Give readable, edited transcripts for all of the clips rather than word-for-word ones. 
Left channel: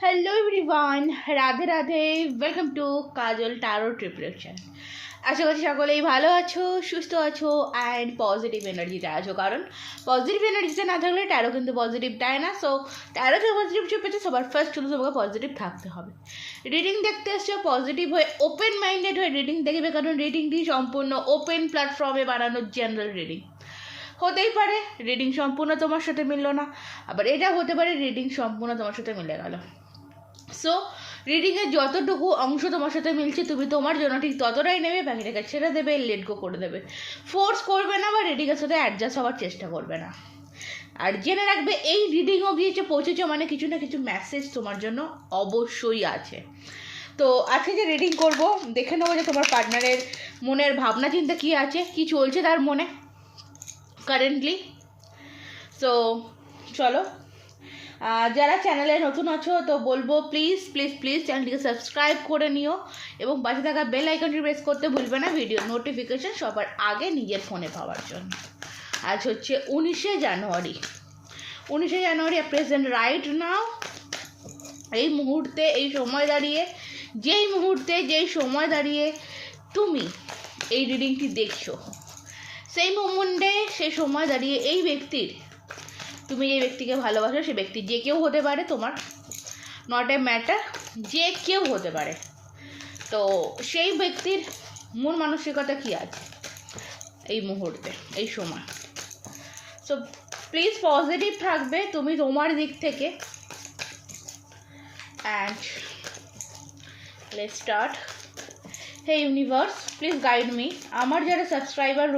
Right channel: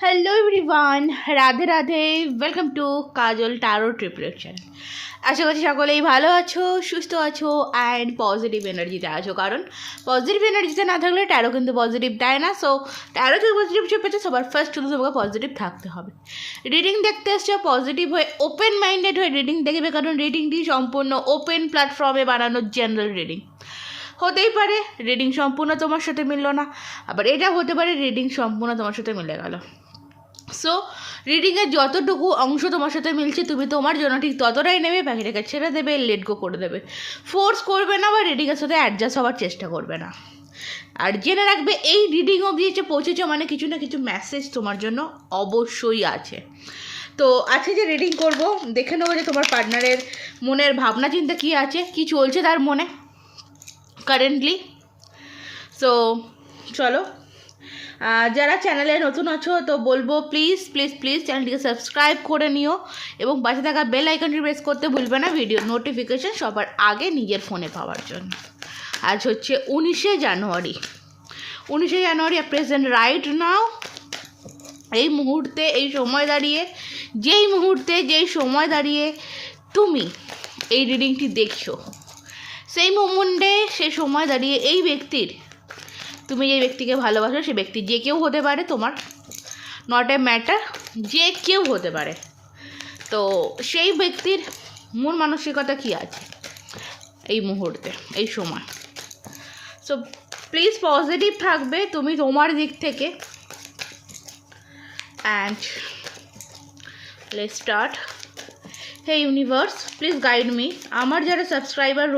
Hello everyone Radhe Radhe welcome to Kajal টারো ট্রিপ্রেকশন। আশা করছি সকলেই ভালো আছো, সুস্থ আছো অ্যান্ড পজিটিভ এনার্জিতে আছো, কারণ পজিটিভ এনার্জিতে না থাকলে ট্যারো কিন্তু পজিটিভ দেয় না। সো ট্যারোতে পজিটিভ পেতে সবার ফার্স্ট শুধু তোমাকে পজিটিভ থাকতে হবে। রিডিং দেখতে এসছো পজিটিভ হয়ে, ওপেন মাইন্ডেড হয়ে রিডিং দেখবে, কারণ রিডিংটি সম্পূর্ণ ওপেন প্ল্যাটফর্মে বানানো জেনারেল রিডিং। হতেই পারে রিডিং সম্পূর্ণ তোমার সাথে মিললো না, আবার এটা হতে পারে রিডিং সম্পূর্ণ তোমার সাথে মিলে গেল। সো রিডিংয়ের যতটুকু অংশ তোমার সাথে মিলছে তুমি তোমার জন্য ঠিক ততটাই নেবে, বাকিটাকে ছেড়ে দেবে, লেট গো করে দেবে। ফোর্স করবে না বা রিডিংয়ের সাথে অ্যাডজাস্ট হওয়ার চেষ্টা করবে না। আর জেনে রাখবে এই রিডিং অবধি এসে পৌঁছেছ মানে কিছু না কিছু মেসেজ তোমার জন্য অবশ্যই আছে। তো আজকে যে রিডিং করব দেখে নেবো যে তোমার পার্টনারের মনের ভাবনা চিন্তা কী আছে, কী চলছে তার মনে কারেন্টলি। সো চলো, যারা চ্যানেলে নতুন আছো তো বলবো প্লিজ প্লিজ প্লিজ চ্যানেলটিকে সাবস্ক্রাইব করে নিও এবং পাশে থাকা বেল আইকনটি প্রেস করতে ভুলবে না ভিডিও নোটিফিকেশান সবার আগে নিজের ফোনে পাওয়ার জন্য। আজ হচ্ছে 19শে জানুয়ারি প্রেজেন্ট রাইট নাও। এই মুহূর্তে এই সময় দাঁড়িয়ে যেই সময় দাঁড়িয়ে তুমি এই রিডিংটি দেখছো, সেই মোমেন্টে সেই সময় দাঁড়িয়ে এই ব্যক্তির, তুমি যে ব্যক্তিকে ভালোবাসো সে ব্যক্তি যে কেউ হতে পারে, তোমার নট এ ম্যাটার, যে কেউ হতে পারে। তো সেই ব্যক্তির মন মানসিকতা কী আছে এই মুহূর্তে এই সময়। সো প্লিজ পজিটিভ থাকবে তুমি তোমার দিক থেকে। And let's start. Hey universe please guide me. আমার যারা সাবস্ক্রাইবার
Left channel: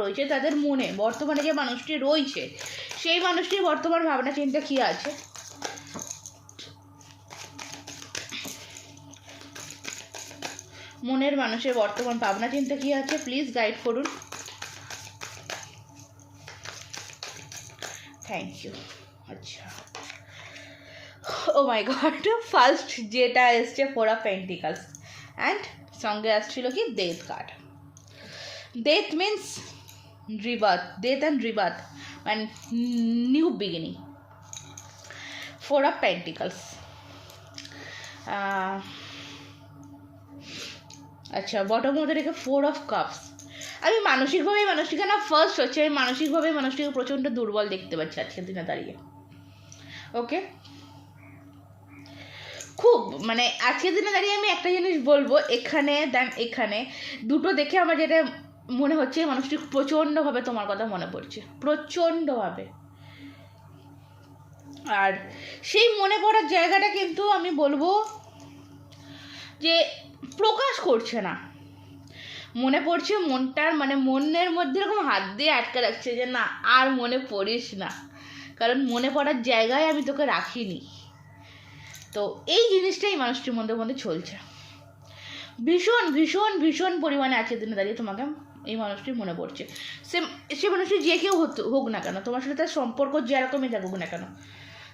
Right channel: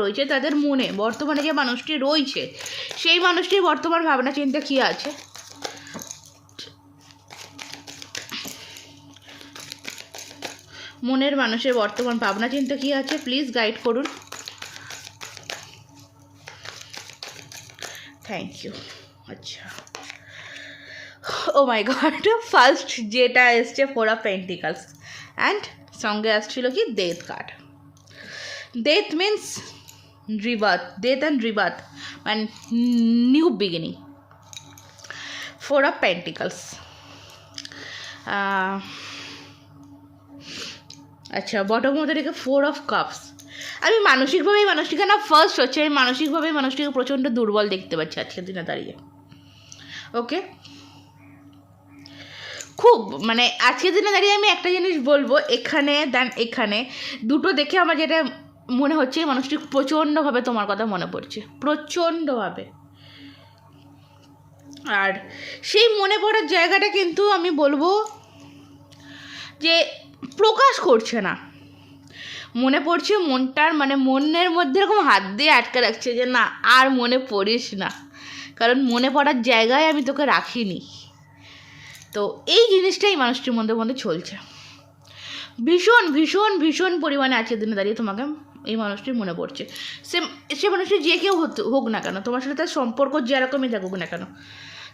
রয়েছে তাদের মনে বর্তমানে যে মানুষটি রয়েছে সেই মানুষটির বর্তমান ভাবনা চিন্তা কী আছে, মনের মানুষের বর্তমান ভাবনা চিন্তা কী আছে প্লিজ গাইড করুন। Thank you. আচ্ছা, ও মাই গড, ফার্স্ট যেটা এসছে 4 অফ পেন্টিকলস অ্যান্ড সঙ্গে আসছিল কি death card. Death means rebirth, death and rebirth and new beginning. 4 of Pentacles. আচ্ছা, বটম মধ্যে রেখে 4 of Cups। আমি মানুষটিকে না ফার্স্ট হচ্ছে আমি মানুষটিকে প্রচণ্ড দুর্বল দেখতে পাচ্ছি আজকের দিনে দাঁড়িয়ে। ওকে, খুব মানে আজকের দিনে দাঁড়িয়ে আমি একটা জিনিস বলবো, এখানে দুটো দেখে আমার যেটা মনে হচ্ছে মানুষটি প্রচণ্ডভাবে তোমার কথা মনে পড়ছে, প্রচণ্ডভাবে। আর সেই মনে পড়ার জায়গাটা কিন্তু আমি বলবো যে প্রকাশ করছে না, মনে পড়ছে মনটার মানে মনের মধ্যে এরকম হাত দিয়ে আটকে রাখছে যে না আর মনে পড়িস না, কারণ মনে পড়ার জায়গায় আমি তোকে রাখিনি। তো এই জিনিসটাই মানুষটির মধ্যে চলছে ভীষণ ভীষণ ভীষণ পরিমাণে আজকের দিনে দাঁড়িয়ে তোমাকে এই মানুষটির মনে পড়ছে। সে মানুষটি যে কেউ হোক না কেন, তোমার সাথে তার সম্পর্ক যেরকমই থাকুক না কেন,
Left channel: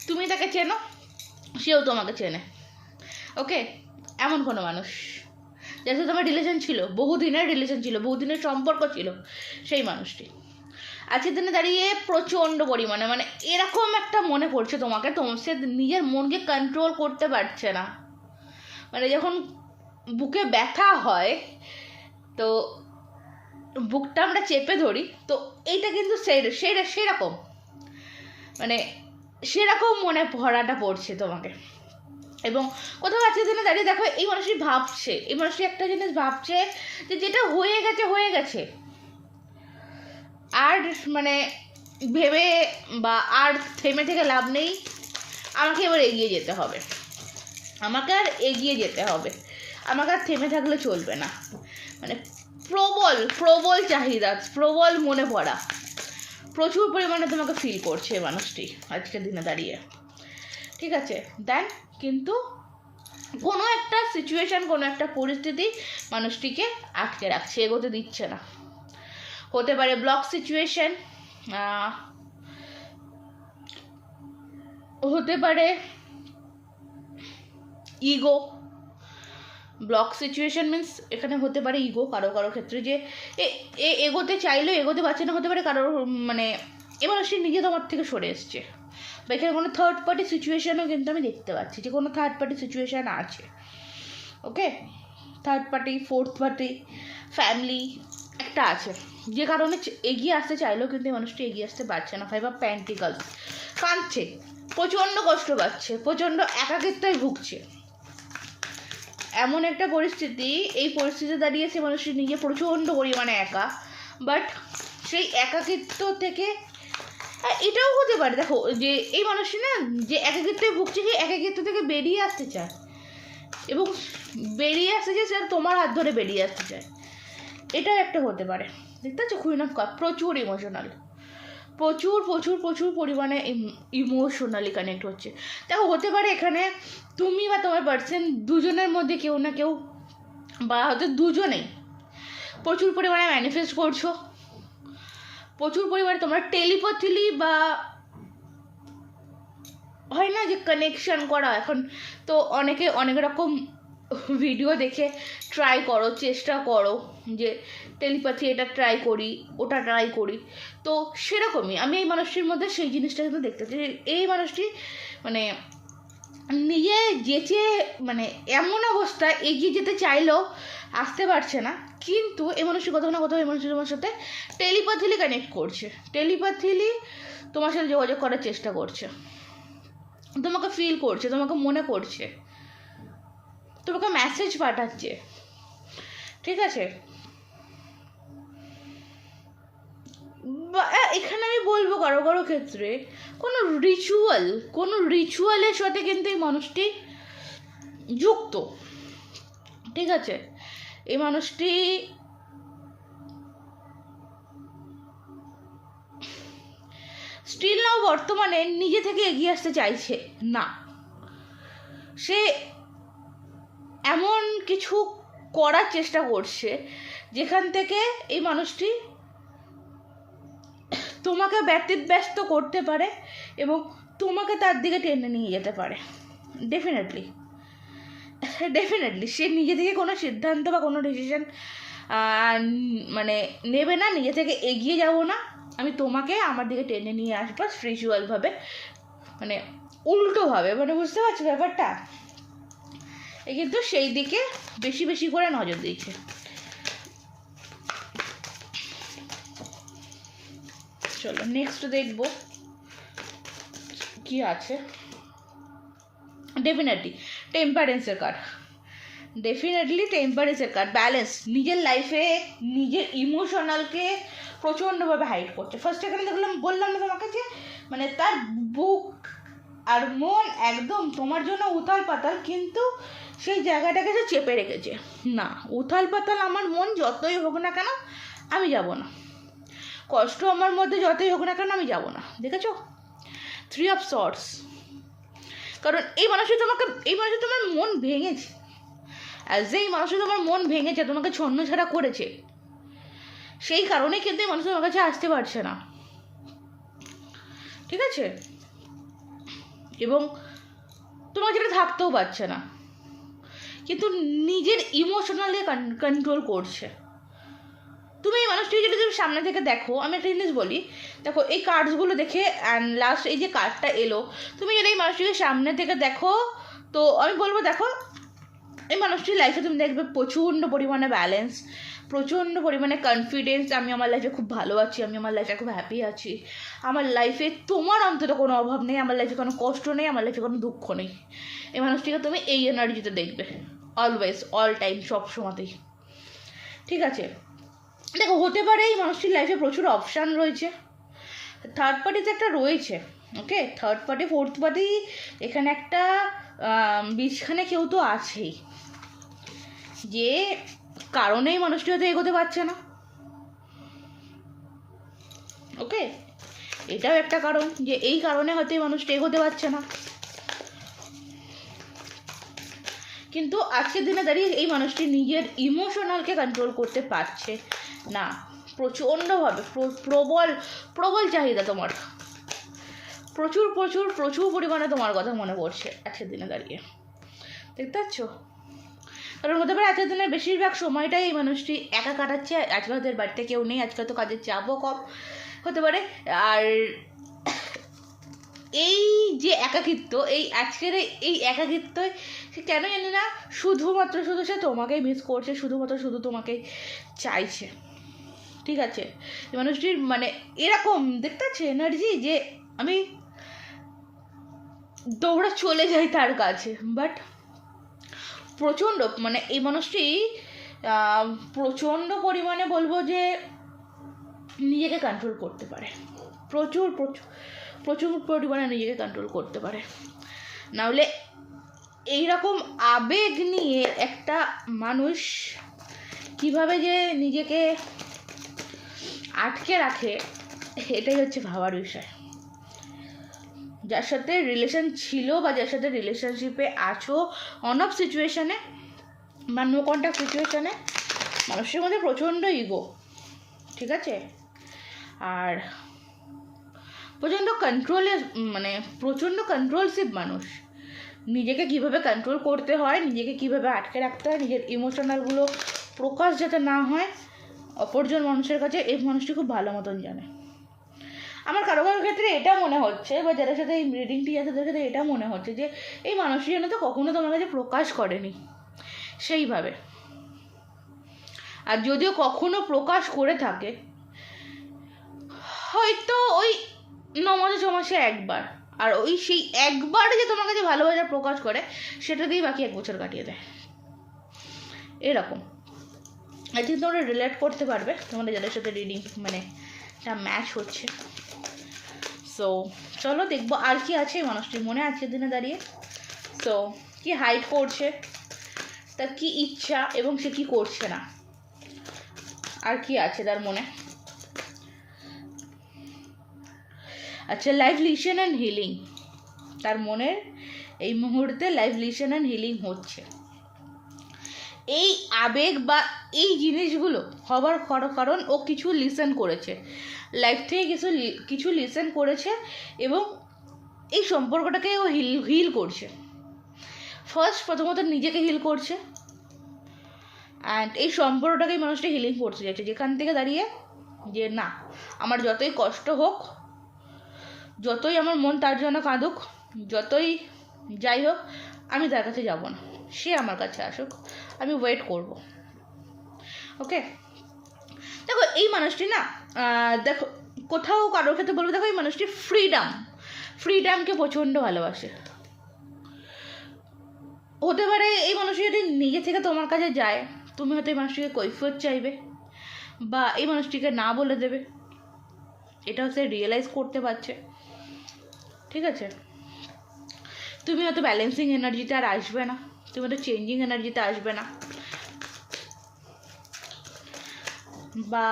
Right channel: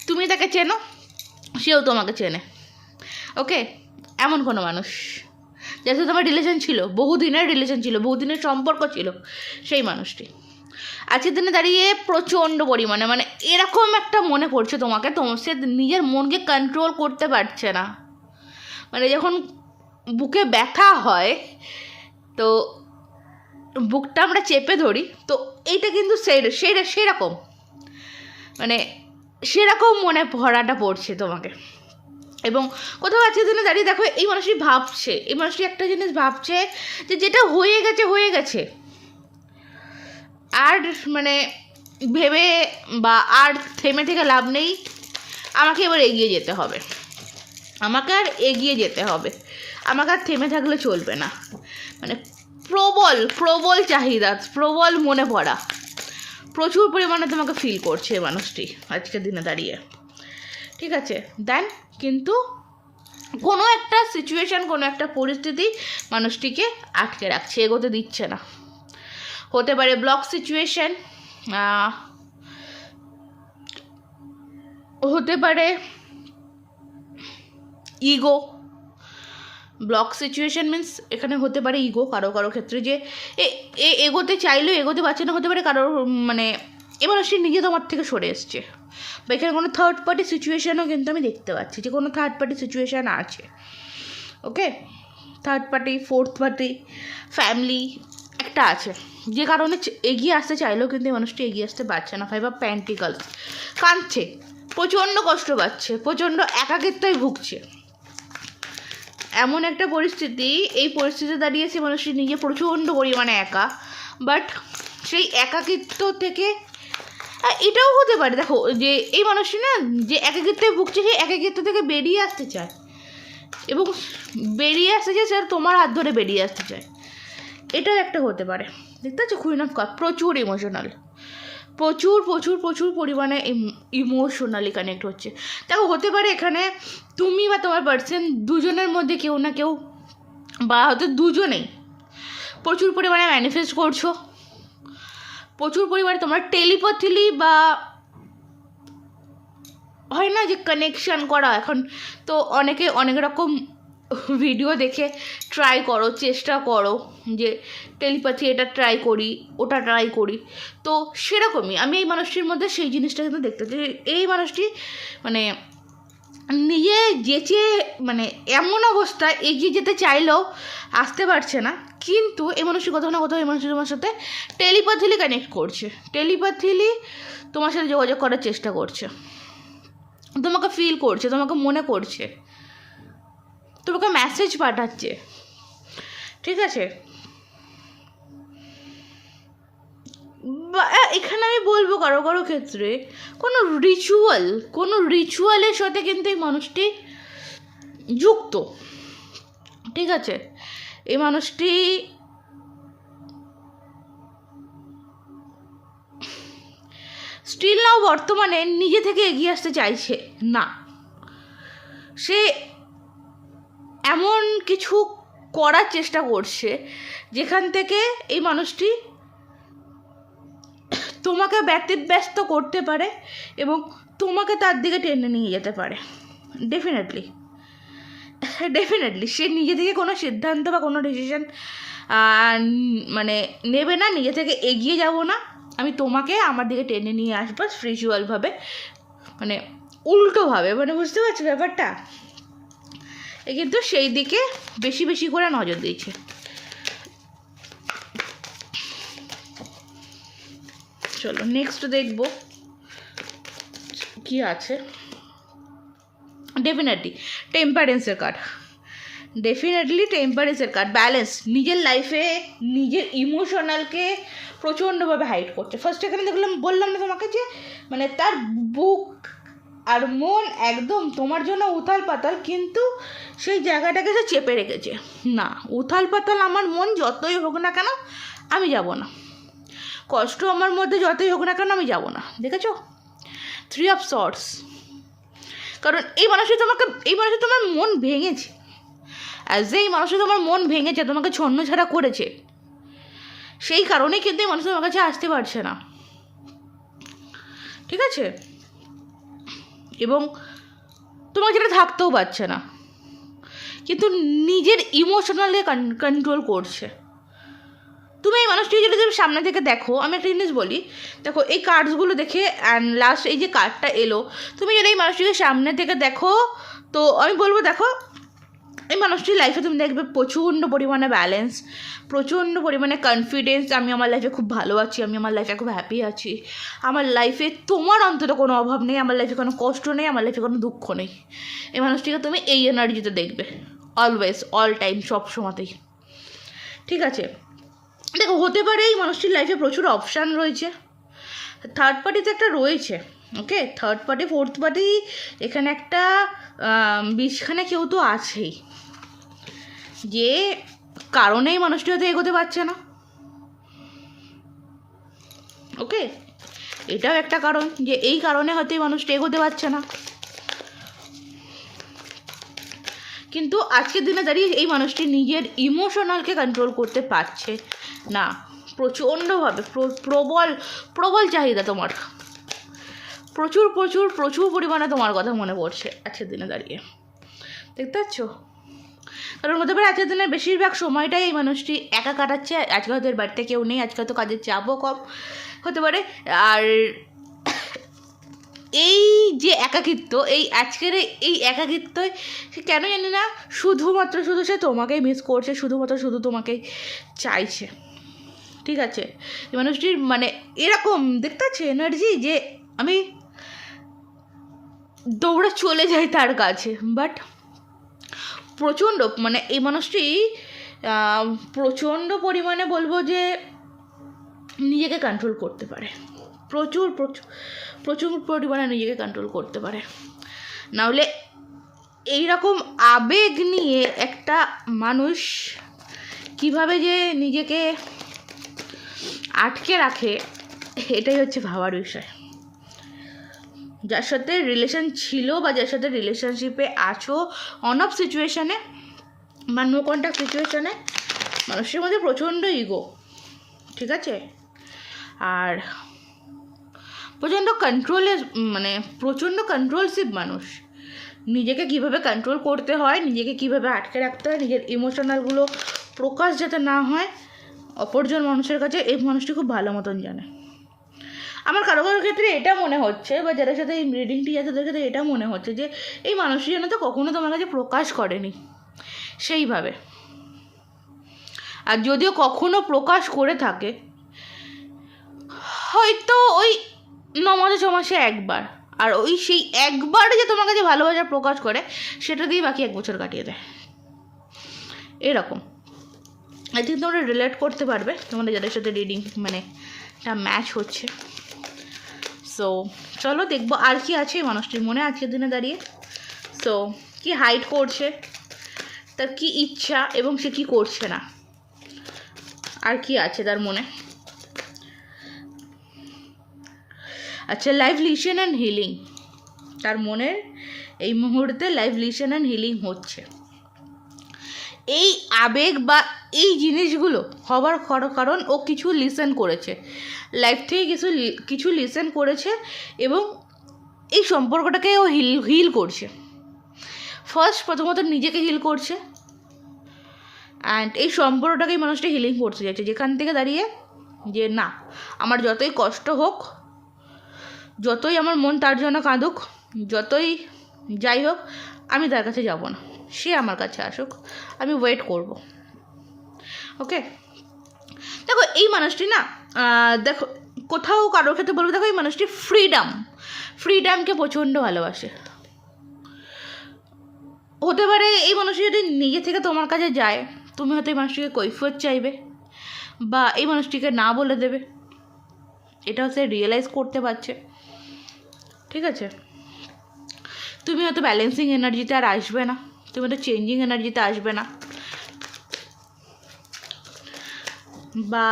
তুমি তাকে চেনো, সেও তোমাকে চেনে। ওকে, এমন কোনো মানুষ যার সাথে তোমার রিলেশন ছিল, বহুদিনের সম্পর্ক ছিল, সেই মানুষটি আজকের দিনে দাঁড়িয়ে প্রচণ্ড পরিমাণে মানে এরকম একটা মনে পড়ছে তোমাকে, সে নিজের মনকে কন্ট্রোল করতে পারছে না। মানে যখন বুকে ব্যথা হয় তো বুকটা আমরা চেপে ধরি, তো এইটা কিন্তু সেরকম মানে সেরকম মনে ভরাটা পড়ছে তোমাকে। এবং কোথাও আজকের দিনে দাঁড়িয়ে দেখো এই মানুষটি একটা জিনিস ভাবছে যে যেটা হয়ে গেছে আর মানে ভেবে বা আর থেমে থেকে লাভ নেই, আমাকে এবার এগিয়ে যেতে হবে, আমাকে আর থেমে থাকলে চলবে না। মানে প্রবল চাহিদা, প্রবল মনে পড়া, প্রচুর পরিমাণে তোমাকে ফিল করছে মানুষটি আজকের দিনে দাঁড়িয়ে। ঠিক আছে, দেন কিন্তু কোনো একটা সিচুয়েশান, কোনো একটা পরিস্থিতি মানুষটিকে আটকে রাখছে, এগোতে দিচ্ছে না। হতে পারে ব্লক সিচুয়েশান, হতে পারে ইগো। ব্লক সিচুয়েশান মিন্স এখানে হতে পারে ইগো কারো ক্ষেত্রে, যে এগোতে চাইলেও এগোতে পারছে না। হতে পারে কারোর মানে এবার সে নিজে তোমার থেকে সরে এসছে, বা এখানে কোনো থার্ড পার্টি সিচুয়েশানও কিন্তু আমি দেখতে পাচ্ছি যে কোনো থার্ড পার্টি সিচুয়েশান আছে। Okay, third party, fourth party, family একটা আছে, যে কারণে এগিয়ে আসতে চাইলেও কিন্তু এই মানুষটি এগিয়ে আসতে পারছে না। ফাইভ অফ পেন্টিকলস, কাঁদছে, প্রচণ্ড কষ্ট পাচ্ছে, প্রচণ্ড একাকিত্বই ভুগছে। এমন একটা পরিস্থিতি, এই পরিস্থিতিতে দাঁড়িয়ে সে মানুষটি নিজে প্রচণ্ড পরিমাণে একা, বাট সেই একাকিত্ব থেকে এটাও হতে পারে, দেখো যে এই মানুষটি না যে একাকিত্বে ভুগছে, সেই একাকিত্ব থেকে বেরিয়ে আসতে চায়, এবং বেরিয়ে আসতে চায় স্যার তোমার হাত ধরে বেরিয়ে আসতে চায়, এটাও একটা হতে পারে। দেখতে পাচ্ছ কুইন অফ কাপ, প্রচুর ইমোশনাল, প্রচুর প্রচুর প্রচুর পরিমাণে ইমোশনালি কানেক্ট হচ্ছে। দেখো হতে পারে এখানে তুমি বা তোমার পার্সন দুজনের মধ্যে কেউ না কেউ, বা হয়তো দুজনেই প্রচুর পরিমাণে ম্যানিফেস্ট করছো, প্রচুর পরিমাণে তোমরা টেলিপ্যাথিলি বা হয় না যে কানেকশান করা, এখন তো অনেকে অনেক রকম ভিডিও দেখে ট্রাই করো, চেষ্টা করো যে টেলিপ্যাথি এটা ট্রাই করি, ওটা ট্রাই করি। তো সেরকমই আমি এই মানুষটির মধ্যে সেই জিনিসটা কিন্তু দেখতে পাচ্ছি। এই মানুষটি মানে নিজে যেচে মানে এমন অবস্থায় এগিয়ে যেতে চাইলেও আসতে পারছে না, কিন্তু এই মানুষটি কোথাও না কোথাও এই মানুষটি তোমার সাথে টেলিপ্যাথিলি কানেক্ট করছে, টেলিপ্যাথিলি তোমার সাথে যোগাযোগ করার চেষ্টা করছে, তোমাকে ফিল করছে, তোমাকে মনে করছে, তোমাকে মেসেজ পাঠাচ্ছে। ঠিক আছে, এখানে আমি বলবো কারো কারো ক্ষেত্রে কোনো রিচুয়ালের সাথে কিন্তু এই মানুষটি যুক্ত। ঠিক আছে, এই মানুষটি স্টিল নাও বর্তমানে নিজে থেকে এগিয়ে আসতে চাইছে না, সে এমন কিছু করার চেষ্টা করছে যেখান থেকে এই মানুষটি তোমাকে ব্যতিব্যস্ত করতে পারে এবং তোমাকে তার দিকে টেনে নিয়ে যেতে পারে। ডেফিনেটলি সে নিজে থেকে কোনো সিদ্ধান্ত বা কোনো ডিসিশন মানে নেবে না, নিজে থেকে এগিয়ে যাব না, আমি তোমাকে আমার দিকে টেনে নিয়ে আসবো স্পিরিচুয়ালভাবে, মানে উল্টোভাবে, মানে বুঝতে পারছো ব্যাপারটা। এ কিন্তু সেই দিকে বেশি বেশি করে নজর দিয়েছে। চলো নেক্সট দেখবো কি আছে। ডেফিনেটলি টেম্পারেন্সের কার্ড, ব্যালেন্স, নিজের লাইফে নিজের ইমোশনালকে প্রচণ্ডভাবে হাইড করছে। ফার্স্ট এখানে বললাম না তোমাকে যে মানে তার বুক আর মন একদম তোমার জন্য উথাল পাতাল, কিন্তু সেই জায়গাটাকে সে চেপে রেখেছে। না, উথাল পাতাল আমার মন যতই হোক না কেন আমি যাব না, কষ্ট আমার মধ্যে যতই হোক না কেন আমি যাব না। দেখেছো 3 of Swords, কারণ এই মানুষই তোমার মন ভেঙেছে, এই মানুষই তোমার মন ভেঙেছে, তোমাকে ছন্ন ছাড়া করেছে, সেই কারণেই কিন্তু এই মানুষ তোমার কাছে আসতে পারছে না। ঠিক আছে, এবং তোমার যেটা থাকতেও পারছে না, কিন্তু নিজের ইমোশনালি কন্ট্রোল করছে। তুমি এই মানুষটি যদি তুমি সামনে থেকে দেখো, আমি একটা জিনিস বলি, দেখো এই কার্ডসগুলো দেখে অ্যান্ড লাস্ট এই যে কার্ডটা এলো, তুমি যদি এই মানুষটিকে সামনে থেকে দেখো, তো আমি বলবো দেখো এই মানুষটির লাইফে তুমি দেখবে প্রচণ্ড পরিমাণে ব্যালেন্স, প্রচণ্ড পরিমাণে কনফিডেন্স, আমি আমার লাইফে খুব ভালো আছি, আমি আমার লাইফে খুব হ্যাপি আছি, আমার লাইফে তোমার অন্তত কোনো অভাব নেই, আমার লাইফে কোনো কষ্ট নেই, আমার লাইফে কোনো দুঃখ নেই। এই মানুষটিকে তুমি এই এনার্জিতে দেখবে অলওয়েজ, অল টাইম, সব সময়তেই। ঠিক আছে, দেখো হতে পারে এই মানুষটির লাইফে প্রচুর অপশান রয়েছে, থার্ড পার্টি তো একটা রয়েছে। ওকে, থার্ড পার্টি, ফোর্থ পার্টি, এখানে একটা বিছখানে কেউ তো আছেই, যে কারণেই মানুষটি হয়তো এগোতে পারছে না। ওকে, এটাও একটা কারণ যে এই কারণে হয়তো এই মানুষটি এগোতে পারছে না, কিন্তু আজকের দিনে দাঁড়িয়ে এই মানুষটি নিজের ইমোশনালকে কন্ট্রোল করতে পারছে না, প্রচণ্ডভাবে প্রবল চাহিদা তোমার, প্রচুর প্রচুর প্রচুর পরিমাণে তোমার কথা মনে পড়ছে আজকের দিনে দাঁড়িয়ে। দেখতে পাচ্ছ, কারণ হতে পারে আজকের দিনের বেশিরভাগ সময়টাই এই মানুষটি একা কাটাচ্ছে, আজকে হয়তো বাড়িতে কেউ নেই, আজকে হয়তো কাজের চাপও কম হতে পারে, আর এই যে একাকিত্ব, এই আজকের এই একাকিত্বই সে কেন জানি না শুধুমাত্র সে তোমাকেই মিস করছে, শুধু তোমাকেই চাইছে। ঠিক আছে, এই মানুষটির মানে এরকম দেখতে পাচ্ছি এনার্জি যে আমি দৌড়ে চলে যাই তার কাছে, বাট প্রচণ্ড মানে এই মানুষটি প্রচণ্ড পরিমাণে বলবো যে নিজেকে কন্ট্রোল করতে পারে, প্রচুর প্রচুর পরিমাণে নিজেকে কন্ট্রোল করতে পারে। নাহলে এইরকম আবেগ নিয়ে একটা মানুষ কিভাবে যে নিজেকে আটকে রাখে, এটাই হচ্ছে ভাবার বিষয়। যার সাথে রিলেশন ছিল বা যার সাথে রিলেশনশিপে আছো, অন অফ সিচুয়েশানে বা নো কন্ট্যাক্ট সিচুয়েশানে মানুষের মধ্যে প্রচণ্ড ইগো, ঠিক আছে, আর প্রচণ্ড কন্ট্রোলের মানে প্রচণ্ড কন্ট্রোলসিভ মানুষ। নিজেকে কীভাবে কন্ট্রোল করতে হয়, নিজেকে কীভাবে আটকে রাখতে হয়, নিজের ইমোশনালগুলো প্রকাশ যাতে না হয় অপরজন মানুষের কাছে, এই মানুষটি খুব ভালো মতন জানে। আমার কারো ক্ষেত্রে এটা মনে হচ্ছে, বা যাদের সাথে এই রিডিংটি আছে তাদের সাথে এটা মনে হচ্ছে যে এই মানুষটি যেন তো কখনো তোমার কাছে প্রকাশ করেনি সেইভাবে, আর যদিও কখনো প্রকাশ করে থাকে হয়তো ওই 9 মাসে 6 মাসে একবার, আর ওই সেই একবার যে তোমার কাছে ভালোবাসা প্রকাশ করে সেটা দিয়েই বাকি 1 বছর কাটিয়ে দেয়। এরকম আই থিঙ্ক তোমরা রিলেট করতে পারবে তোমাদের যাদের সাথে রিডিং মানে এটা ম্যাচ হচ্ছে। সো চলো দেখবো আর কি আছে মানুষটির মনে আজকের দিনে দাঁড়িয়ে। সো কি হাইড করছে, তার কি ইচ্ছা এবং সে কি করছে না, আর কি আছে তার মনে। আচ্ছা, লাইফ লিসন অ্যান্ড হিলিং, তার মনের এই মুহূর্তে লাইফ লিসন অ্যান্ড হিলিং হচ্ছে। এই আবেগ বা এই জিনিসগুলো হবার কারণ ও কিছু লিসেন করেছে, লাইফ থেকে কিছু লিসেন করেছে এবং এই সম্পর্কটাকে ও হিল করছে। প্রথমত নিজেকে হিল করছে, অ্যান্ড এই সম্পর্কটাকেই মানুষটা হিলিং করতে চাইছে, যেখান থেকে দাঁড়িয়ে যে না, আমার যতই কষ্ট হোক, যতই আমার মন তার জন্য কাঁদুক, যতই যাই হোক, আমি তার কাছে যাব না, সে আমার কাছে আসুক, আমি ওয়েট করব। ওকে, দেখো এই মানুষটি না, দেখো কোথাও কারোর ক্ষেত্রে বলবো, দেখো এই মানুষটি ফ্রিডামকে প্রচণ্ড ভালোবাসে। হতে পারে এই মানুষটি যদি নিজে থেকে তোমার কাছে যায়, তুমি হয়তো এই মানুষটিকে কৈফিয়ত চাইবে বা এই মানুষটিকে না বলে দেবে, এটা হচ্ছে রিয়েলাইজ করতে পারছে। ঠিক আছে, তুমি হয়তো ব্যালেন্সিং এনার্জিতে আর আসবে না, তুমি হয়তো চেঞ্জিং এনার্জিতে আসবে না, বা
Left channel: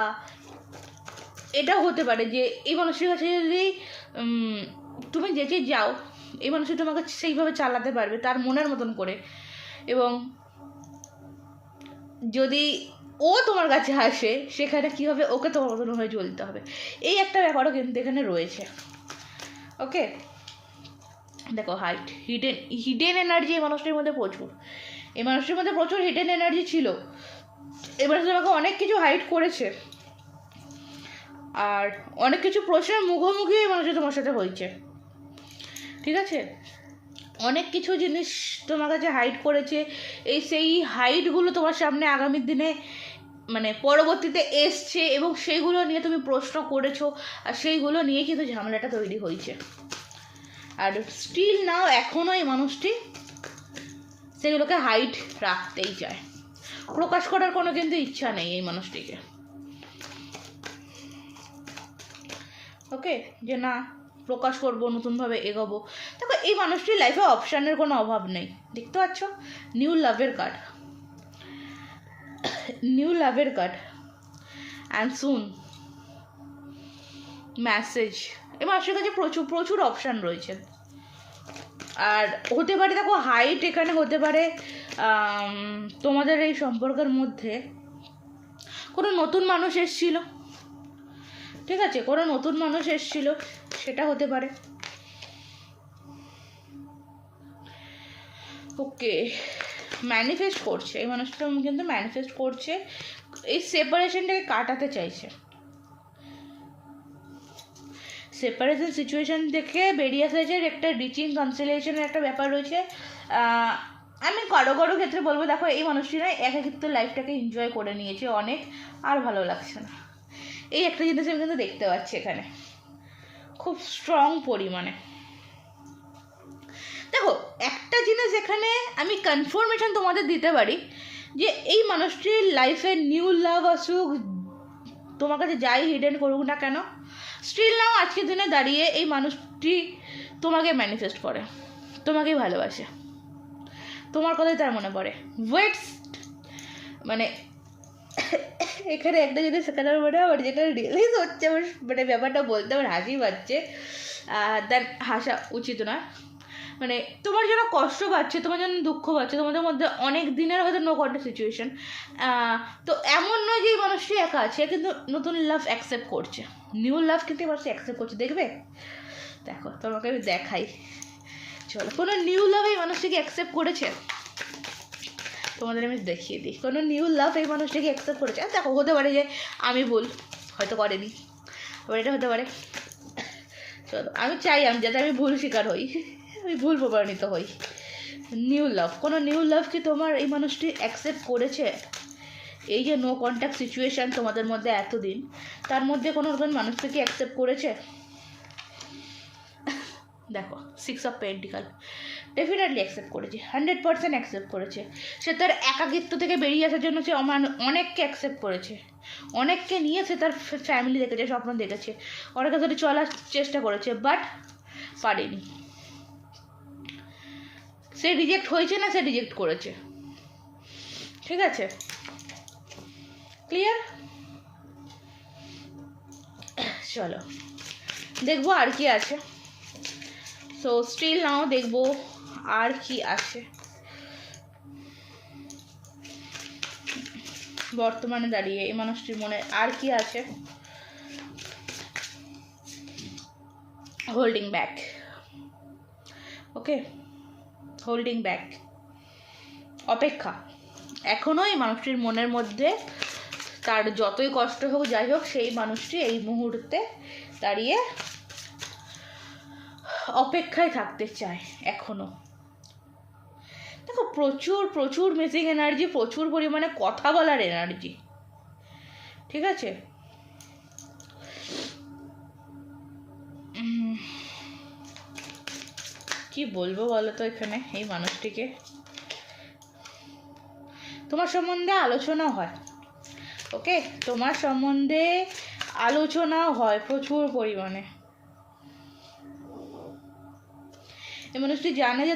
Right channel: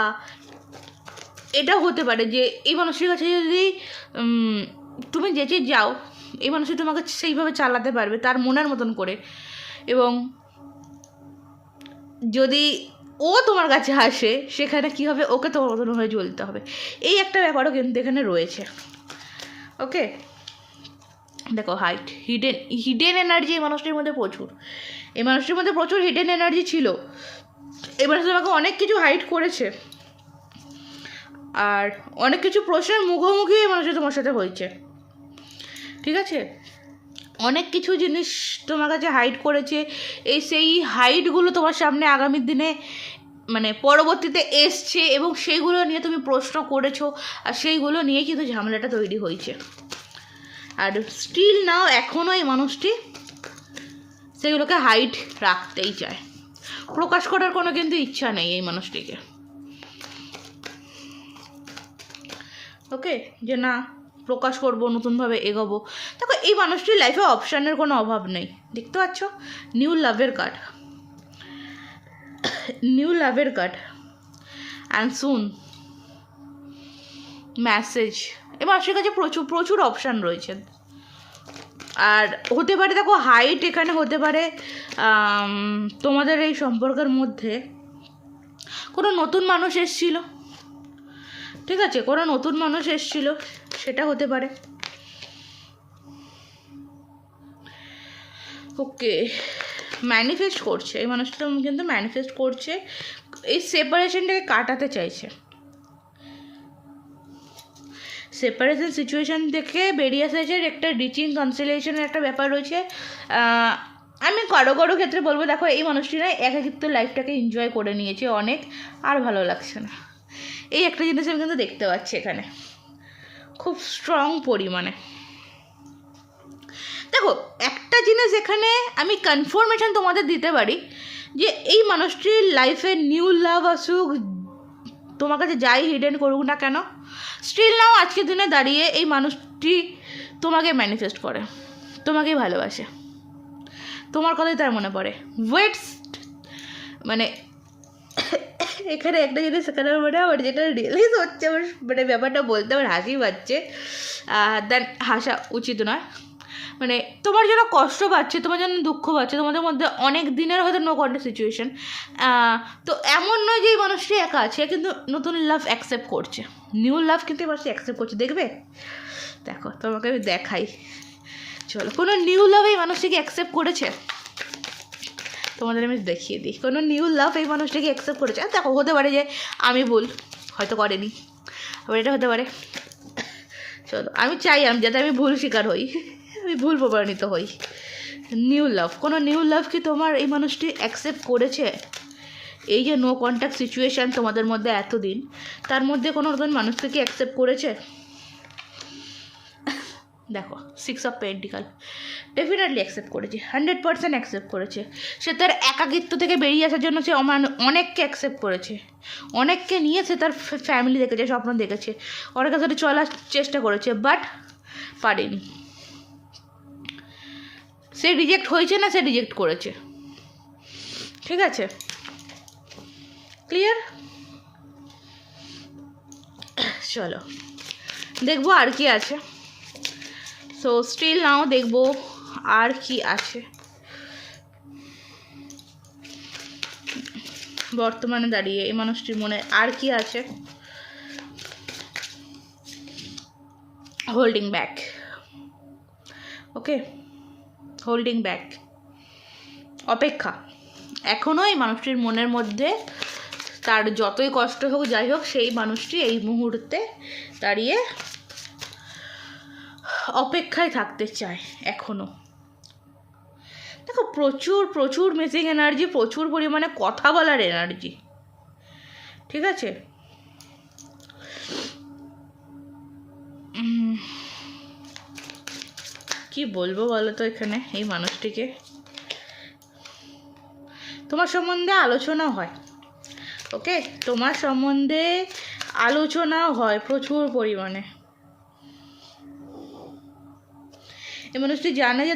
এটা হতে পারে যে এই মানুষের কাছে যদি তুমি যেচে যাও, এই মানুষটি তোমাকে সেইভাবে চালাতে পারবে তার মনের মতন করে, এবং যদি ও তোমার কাছে আসে সেখানে কী হবে, ওকে তোমার মতন হয়ে চলতে হবে, এই একটা ব্যাপারও কিন্তু এখানে রয়েছে। ওকে, দেখো হিডেন এনার্জি এই মানুষটির মধ্যে প্রচুর, এই মানুষটির মধ্যে প্রচুর হিডেন এনার্জি ছিল। এই মানুষটি আমাকে অনেক কিছু হাইড করেছে, আর অনেক কিছু প্রশ্নের মুখোমুখি এই মানুষটি তোমার সাথে হয়েছে। ঠিক আছে, অনেক কিছু জিনিস তোমার কাছে হাইড করেছে, সেই হাইডগুলো তোমার সামনে আগামী দিনে মানে পরবর্তীতে এসছে, এবং সেইগুলো নিয়ে তুমি প্রশ্ন করেছো, আর সেইগুলো নিয়ে কিন্তু ঝামেলাটা তৈরি হয়েছে। আর স্টিল নাও এখনও এই মানুষটি সেগুলোকে হাইড রাখতেই চায়, প্রকাশ করার কোনো কিন্তু ইচ্ছা নেই এই মানুষটিকে। ওকে, যে না প্রকাশ করবো, নতুনভাবে এগোবো। দেখো এই মানুষটির লাইফে অপশানের কোনো অভাব নেই, দেখতে পাচ্ছ, নিউ লাভের কার্ড অ্যান্ড সুন মেসেজ। এই মানুষের কাছে প্রচুর অপশান রয়েছে, আর হতে পারে দেখো হাইট এখানে হতে পারে তোমাদের এই সম্পর্কের মধ্যে কোনো নতুন মানুষ এসেছিল। ঠিক আছে, কোনো নতুন মানুষ এসেছিল, সেটা হতে পারে। ওকে, ম্যানিফেস্ট করছে এই মানুষটা, কিন্তু ম্যানিফেস্ট করছে, এই সেপারেশনটাকে কাটাতে চাইছে। সেপারেশন সিচুয়েশান থেকে বেরিয়ে এসেছে, একটা রিচিং কনসিলেশনের একটা ব্যাপার রয়েছে। আমি কারো ক্ষেত্রে বলবো, দেখো এই মানুষটি না একাকিত্ব লাইফটাকে এনজয় করে নিয়েছে অনেক, আর ভালো লাগছে না, এই একটা জিনিস আমি কিন্তু দেখতে পাচ্ছি এখানে খুব স্ট্রং পরিমাণে। দেখো একটা জিনিস এখানে আমি কনফার্মেশন তোমাদের দিতে পারি যে এই মানুষটির লাইফে নিউ লাভ আসুক, তোমার কাছে যাই হিডেন করুক না কেন, স্টিল নাও আজকের দিনে দাঁড়িয়ে এই মানুষটি তোমাকে ম্যানিফেস্ট করে, তোমাকেই ভালোবাসে, তোমার কথাই তার মনে পড়ে। ওয়েটস মানে এখানে একটা জিনিস সেখানে মানে আমার যেটা রিয়েলাইজ হচ্ছে, আমার মানে ব্যাপারটা বলতে আমার হাসি পাচ্ছে, দেন হাসা উচিত নয়। মানে তোমার যেন কষ্ট পাচ্ছে, তোমার যেন দুঃখ পাচ্ছে, তোমাদের মধ্যে অনেক দিনের হয়তো নো কন্ট্যাক্ট সিচুয়েশন, তো এমন নয় যে এই মানুষটি একা আছে, কিন্তু নতুন লাভ অ্যাকসেপ্ট করছে, নিউ লাভ কিন্তু এই মানুষটি অ্যাকসেপ্ট করছে। দেখবে, দেখো তোমাকে আমি দেখাই, চলো কোনো নিউ লাভ এই মানুষটিকে অ্যাকসেপ্ট করেছে, তোমাদের আমি দেখিয়ে দিই কোনো নিউ লাভ এই মানুষটাকে অ্যাকসেপ্ট করেছে। দেখো হতে পারে যে আমি ভুল, হয়তো করেনি, আবার এটা হতে পারে। চলো আমি চাই যাতে আমি ভুল শিকার হই, আমি ভুল প্রমাণিত হই। নিউ লাভ, কোনো নিউ লাভ কি তোমার এই মানুষটি অ্যাকসেপ্ট করেছে? এই যে নো কন্ট্যাক্ট সিচুয়েশান তোমাদের মধ্যে এতদিন, তার মধ্যে কোনো নতুন মানুষকে কি অ্যাকসেপ্ট করেছে? দেখো 6 অফ পেন্টিকাল, ডেফিনেটলি অ্যাকসেপ্ট করেছে, 100% অ্যাকসেপ্ট করেছে। সে তার একাকিত্ব থেকে বেরিয়ে আসার জন্য সে অনেককে অ্যাকসেপ্ট করেছে, অনেককে নিয়ে সে তার ফ্যামিলি দেখেছে, স্বপ্ন দেখেছে, অনেকের সাথে চলার চেষ্টা করেছে, বাট পারেনি। সে রিজেক্ট হয়েছে না, সে রিজেক্ট করেছে, ঠিক আছে, ক্লিয়ার? চলো দেখবো আর কি আছে। সো স্টিল নাও দেখবো আর কি আছে বর্তমানে দাঁড়িয়ে এই মানুষটির মনে, আর কি আছে। হোল্ডিং ব্যাক, ওকে, হোল্ডিং ব্যাক, অপেক্ষা। এখনও এই মানুষটির মনের মধ্যে তার যতই কষ্ট হোক যাই হোক, সেই মানুষটি এই মুহূর্তে দাঁড়িয়ে অপেক্ষায় থাকতে চায় এখনও। দেখো প্রচুর প্রচুর মিসিং এনার্জি, প্রচুর পরিমাণে কথা বলার এনার্জি, ঠিক আছে। কি বলবো বলো তো এখানে এই মানুষটিকে, তোমার সম্বন্ধে আলোচনা হয়, ওকে, তোমার সম্বন্ধে আলোচনাও হয় প্রচুর পরিমাণে। এই মানুষটি জানে যে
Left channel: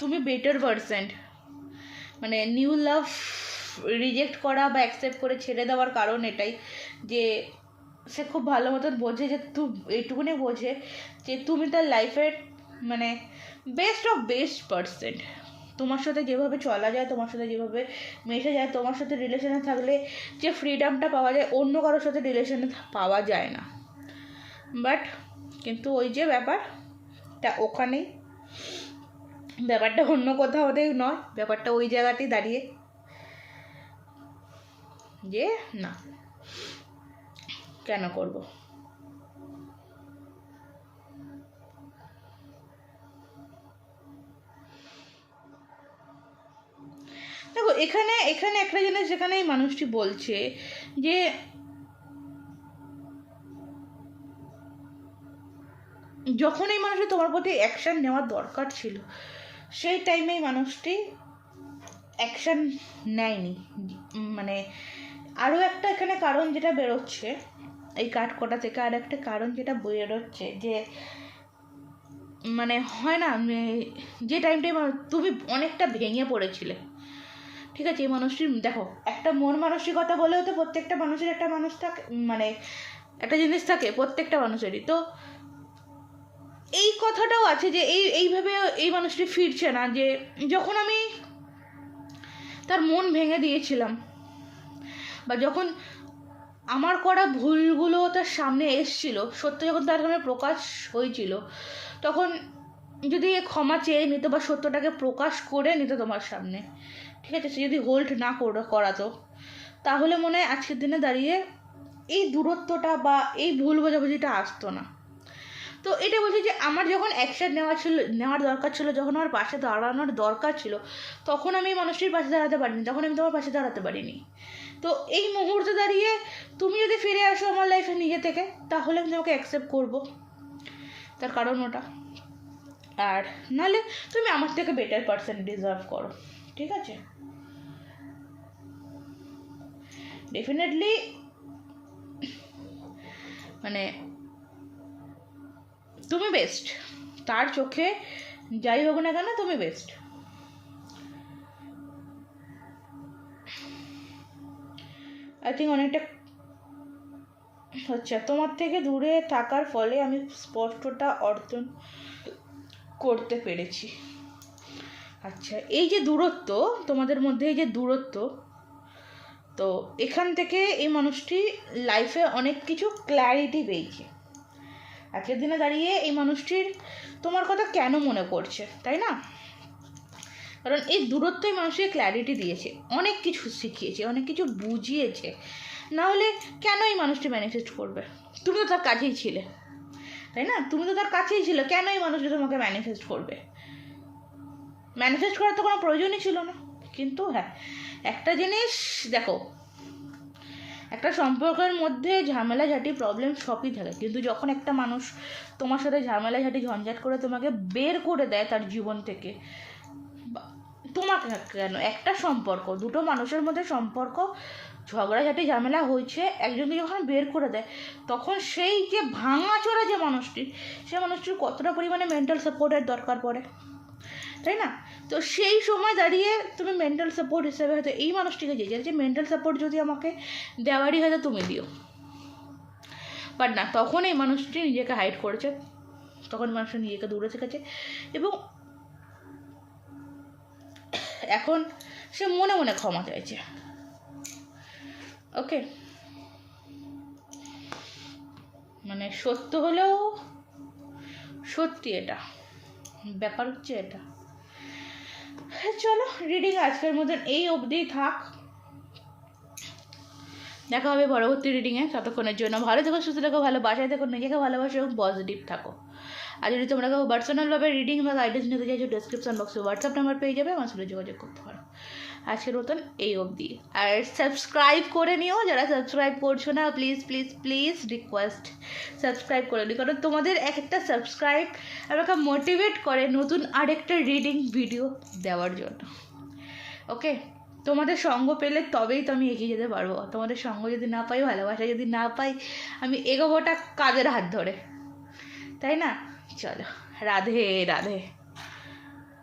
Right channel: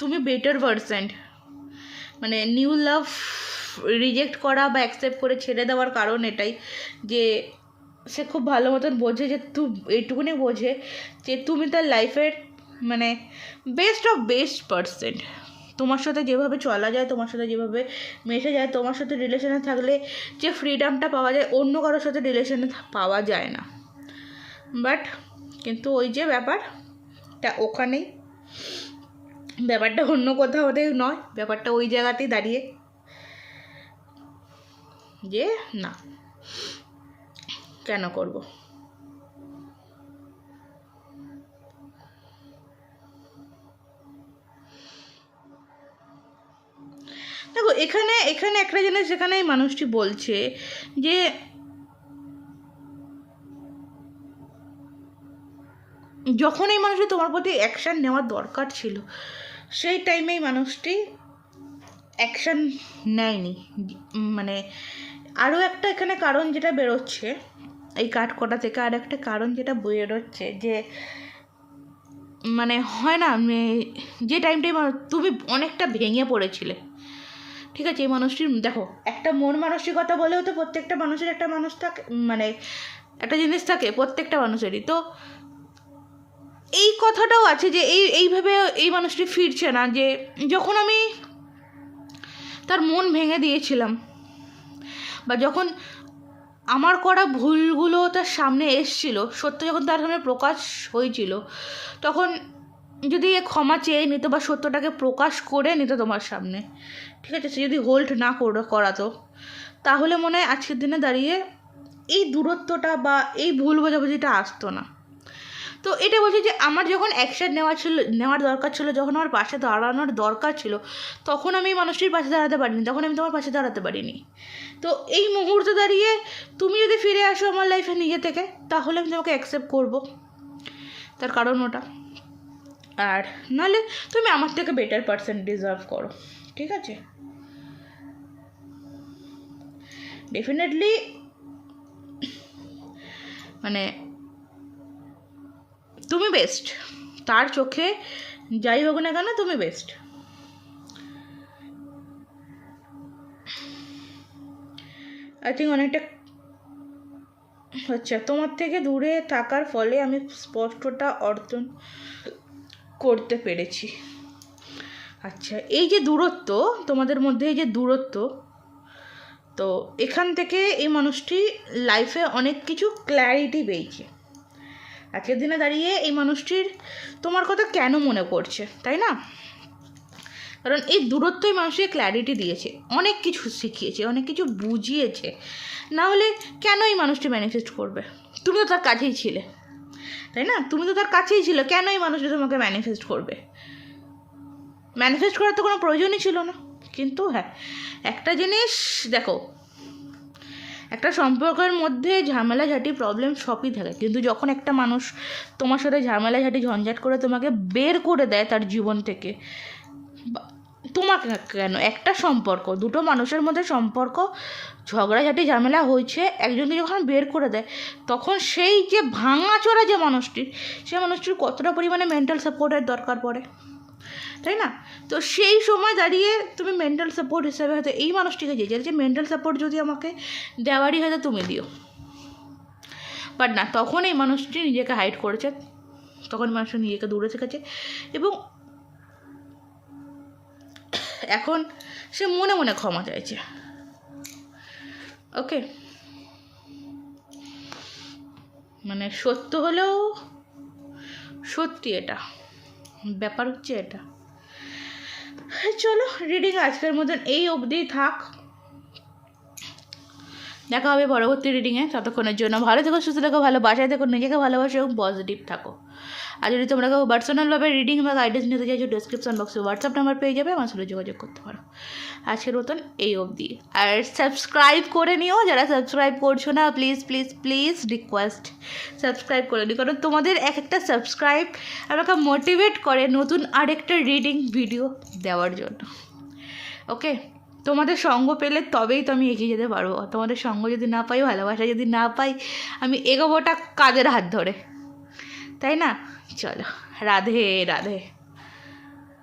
তুমি বেটার পারসন। মানে নিউ লাভ রিজেক্ট করা বা অ্যাকসেপ্ট করে ছেড়ে দেওয়ার কারণ এটাই যে সে খুব ভালো মতন বোঝে যে এইটুকুনি বোঝে যে তুমি তার লাইফের মানে বেস্ট অফ বেস্ট পারসন। তোমার সাথে যেভাবে চলা যায়, তোমার সাথে যেভাবে মেশে যায়, তোমার সাথে রিলেশনে থাকলে যে ফ্রিডমটা পাওয়া যায় অন্য কারোর সাথে রিলেশনে পাওয়া যায় না। বাট কিন্তু ওই যে ব্যাপারটা ওখানেই, ব্যাপারটা অন্য কোথাও নয়, ব্যাপারটা ওই জায়গাতেই দাঁড়িয়ে যে না কেন করব। দেখো এখানে একটা জিনিস যেখানে এই মানুষটি বলছে যে যখন এই মানুষটি তোমার প্রতি অ্যাকশান নেওয়ার দরকার ছিল, সেই টাইমে এই মানুষটি অ্যাকশান নেয়নি। মানে আরও একটা এখানে কারণ যেটা বেরোচ্ছে এই কাঠ কটা থেকে, আর একটা কারণ যেটা বেরোচ্ছে যে মানে হয় না, যে টাইমটাই তুমি অনেকটা ভেঙে পড়েছিলে, ঠিক আছে। এই মানুষটির দেখো একটা মন মানসিকতা বলেও তো প্রত্যেকটা মানুষের একটা মানুষ থাকে, মানে একটা জিনিস থাকে প্রত্যেকটা মানুষেরই। তো এই কথাটাও আছে যে এইভাবে এই মানুষটি ফিরছে না, যে যখন আমি তার মন ভেঙে দিয়েছিলাম বা যখন আমার করা ভুলগুলো তার সামনে এসছিল, সত্য যখন তার সামনে প্রকাশ হয়েছিল, তখন যদি ক্ষমা চেয়ে নিত বা সত্যটাকে প্রকাশ করে নিত তোমার সামনে, ঠিক আছে, সে যদি হোল্ড না করাতো, তাহলে মনে হয় আজকের দিনে দাঁড়িয়ে এই দূরত্বটা বা এই ভুল বোঝাবুঝিটা আসতো না। তো এটা বলছে যে আমার যখন অ্যাকশন নেওয়ার দরকার ছিল, যখন আমার পাশে দাঁড়ানোর দরকার ছিল, তখন আমি মানুষটির পাশে দাঁড়াতে পারিনি, তখন আমি তোমার পাশে দাঁড়াতে পারিনি। তো এই মুহূর্তে দাঁড়িয়ে তুমি যদি ফিরে আসো আমার লাইফে নিজে থেকে, তাহলে আমি তোমাকে অ্যাকসেপ্ট করবো, তার কারণ ওটা। আর নাহলে তুমি আমার থেকে বেটার পারসন ডিজার্ভ করো, ঠিক আছে? ডেফিনেটলি মানে তুমি বেস্ট, তার চোখে যাই হোক না কেন তুমি বেস্ট। আই থিঙ্ক অনেকটা আচ্ছা, তোমার থেকে দূরে থাকার ফলে আমি স্পষ্টতা অর্জন করতে পেরেছি। আচ্ছা, এই যে দূরত্ব তোমাদের মধ্যে, এই যে দূরত্ব, তো এখান থেকে এই মানুষটি লাইফে অনেক কিছু ক্ল্যারিটি পেয়েছে। আজকের দিনে দাঁড়িয়ে এই মানুষটির তোমার কথা কেন মনে পড়ছে, তাই না? কারণ এই দূরত্বই মানুষকে ক্ল্যারিটি দিয়েছে, অনেক কিছু শিখিয়েছে, অনেক কিছু বুঝিয়েছে। না হলে কেন এই মানুষটি ম্যানিফেস্ট করবে? তুমি তো তার কাছেই ছিলে, তাই না? তুমি তো তার কাছেই ছিল, কেন এই মানুষটি তোমাকে ম্যানিফেস্ট করবে? ম্যানিফেস্ট করার তো কোনো প্রয়োজনই ছিল না। কিন্তু হ্যাঁ, একটা জিনিস দেখো, একটা সম্পর্কের মধ্যে ঝামেলাঝাটি প্রবলেম সবই থাকে, কিন্তু যখন একটা মানুষ তোমার সাথে ঝামেলাঝাটি ঝঞ্ঝাট করে তোমাকে বের করে দেয় তার জীবন থেকে, তোমাকে কেন, একটা সম্পর্ক, দুটো মানুষের মধ্যে সম্পর্ক ঝগড়াঝাটি ঝামেলা হয়েছে, একজনকে যখন বের করে দেয়, তখন সেই যে ভাঙাচোরা যে মানুষটির, সে মানুষটির কতটা পরিমাণে মেন্টাল সাপোর্টের দরকার পড়ে, তাই না? তো সেই সময় দাঁড়িয়ে তুমি মেন্টাল সাপোর্ট হিসেবে হয়তো এই মানুষটিকে যে মেন্টাল সাপোর্ট যদি আমাকে দেওয়ারই হয়তো তুমি দিও, বাট না, তখন এই মানুষটি নিজেকে হাইড করেছে, তখন মানুষটা নিজেকে দূরে থেকেছে, এবং এখন সে মনে মনে ক্ষমা চাইছে। ওকে, মানে সত্য হলেও সত্যি, এটা ব্যাপার হচ্ছে এটা। চলো, রিডিং আজকের মতন এই অবধি থাক, দেখা হবে পরবর্তী রিডিংয়ে। ততক্ষণের জন্য ভালো থেকো, সুস্থ থেকো, ভালো বাসায় থেকো, নিজেকে ভালোবাসো এবং পজিটিভ থাকো। আর যদি তোমরা কেউ পার্সোনালভাবে রিডিং বা গাইডেন্স নিতে চাইছো, ডিসক্রিপশন বক্সে হোয়াটসঅ্যাপ নাম্বার পেয়ে যাবে, আমার সাথে যোগাযোগ করতে পারো। আজকের মতন এই অবধি। আর সাবস্ক্রাইব করে নিও, যারা সাবস্ক্রাইব করছো না, please please please request subscribe করে নিও, কারণ তোমাদের এক একটা সাবস্ক্রাইব আমাকে মোটিভেট করে নতুন আরেকটা রিডিং ভিডিও দেওয়ার জন্য। ওকে, তোমাদের সঙ্গ পেলে তবেই তো আমি এগিয়ে যেতে পারবো। তোমাদের সঙ্গ যদি না পাই, ভালোবাসা যদি না পাই, আমি এগোবোটা কাদের হাত ধরে, তাই না? চলো, রাধে রাধে।